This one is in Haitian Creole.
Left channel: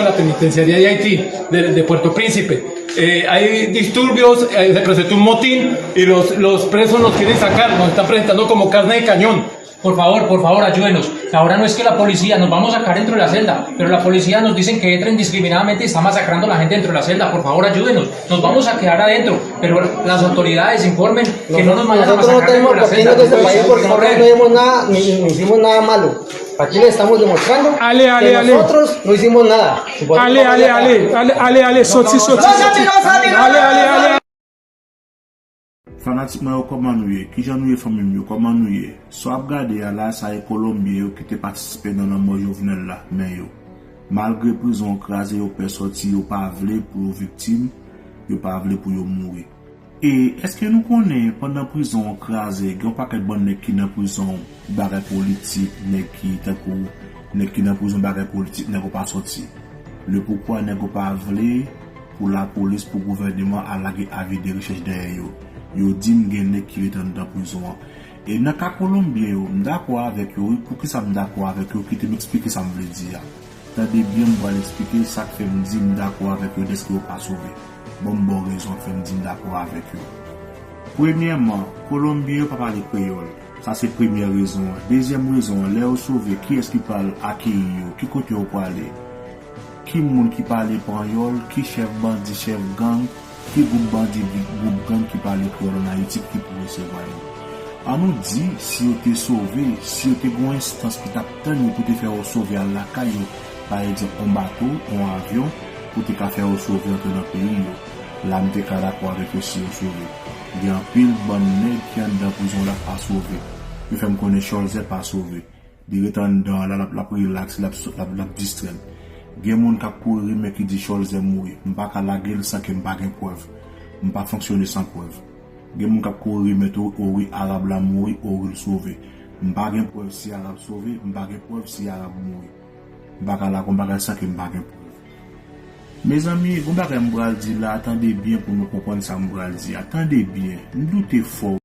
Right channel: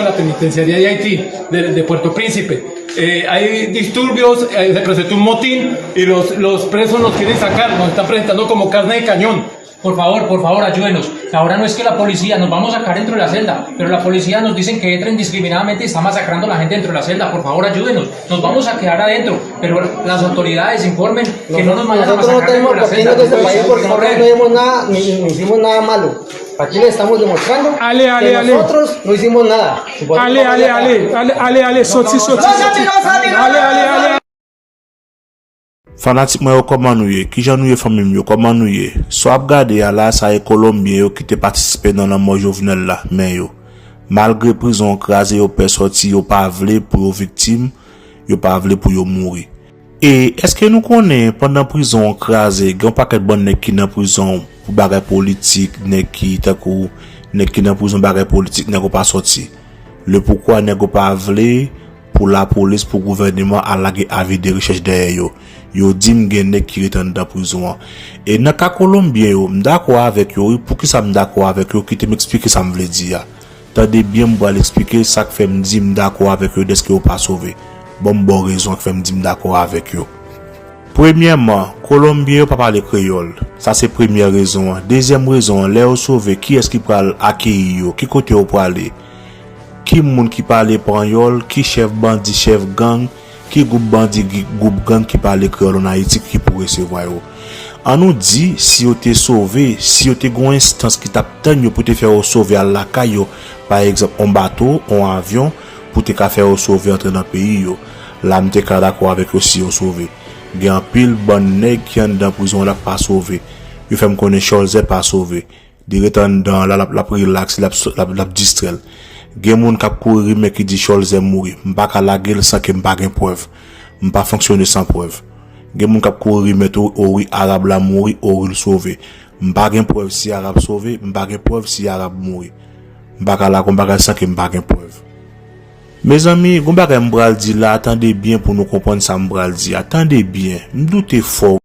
de la penitenciaría de Haití, de Puerto Príncipe. Hay disturbios, se presentó un motín y los presos nos quieren sacar, nos están presentando como carne de cañón. Por favor, ayúdenos. Ahora no es que la policía nos vamos a sacar dentro de la celda, pero la policía nos dicen que entra indiscriminadamente y está masacrando a la gente dentro de la celda. Por favor, ayúdenos. Nos vamos a quedar adentro, pero las autoridades informen que no nos vayan a masacrar dentro de la celda. Nosotros no tenemos por qué irnos de este país porque nosotros no hicimos nada, ni hicimos nada malo. Aquí le estamos demostrando que nosotros no hicimos nada. Allez, sorti. Allez. Fanatique moi yo comment nou ye, ki jan nou ye famille yo comment nou ye. So ap gade ya la sa e Colombien yo qui te participer dans la mort Jovenel là, mais yo malgré prison crasé yo pe sorti yo pas vle pour yo victime, yo pas vle pour yo mourir. Et est-ce que nous connaît pendant prison crasé, grand paquet bon nèg qui dans prison pour bagay politique, nèg qui takou, nèg qui dans prison bagay politique nèg pas sorti. Le pourquoi nèg pas vle pour la police, pour le gouvernement à la avis de recherche derrière yo. Yo dim gen nek qui reten dans prison. Et dans cas Colombien yo, m'dakwa avec yo, pour qui ça m'dakwa avec yo, qui te m'explique ça me veut dire. Tendez bien m'ba l'expliquer ça que fait m'di m'dakwa avec yo, est-ce que yo pas sauvé. Bon raison que fait m'di m'dakwa avec yo. Premièrement, Colombien yo pas parler créole. Ça c'est première raison. Deuxième raison, les yo sauvé, qui est-ce qui pral accueillir yo, qui côté yo pour aller. Qui moun qui parle espagnol, qui chef bandit, chef gang, qui groupe bandit, groupe gang qui parle créole en Haïti qui pourrait recevoir yo. On nous dit si yo te sauvé, si yo te gon instance qui t'attend pour te faire sauver à la caillou, par exemple en bateau, en avion pour te faire sauver entrer dans pays yo. Là m'te ka d'accord avec yo si yo sauvé. Gen pile bon nèg qui en dans prison là pas sauvé. Yo fait me connaître Charles pas sauvé. Direct dans la relax la distraire. Gen moun k'ap courir mais qui dit Charles est mourir. M'pa ka la gueule sans que m'pa gen preuve. M'pa fonctionner sans preuve. Gen moun k'ap courir mais oui arabe la mourir ou il sauver. M'pa gen preuve si arabe sauver, m'pa gen preuve si arabe mourir. M'pa ka la combat sans que m'pa gen preuve. Mes amis, gon bagay m'bral di là, attendez bien pour nous comprendre ça m'bral di. Attendez bien. M'doute fort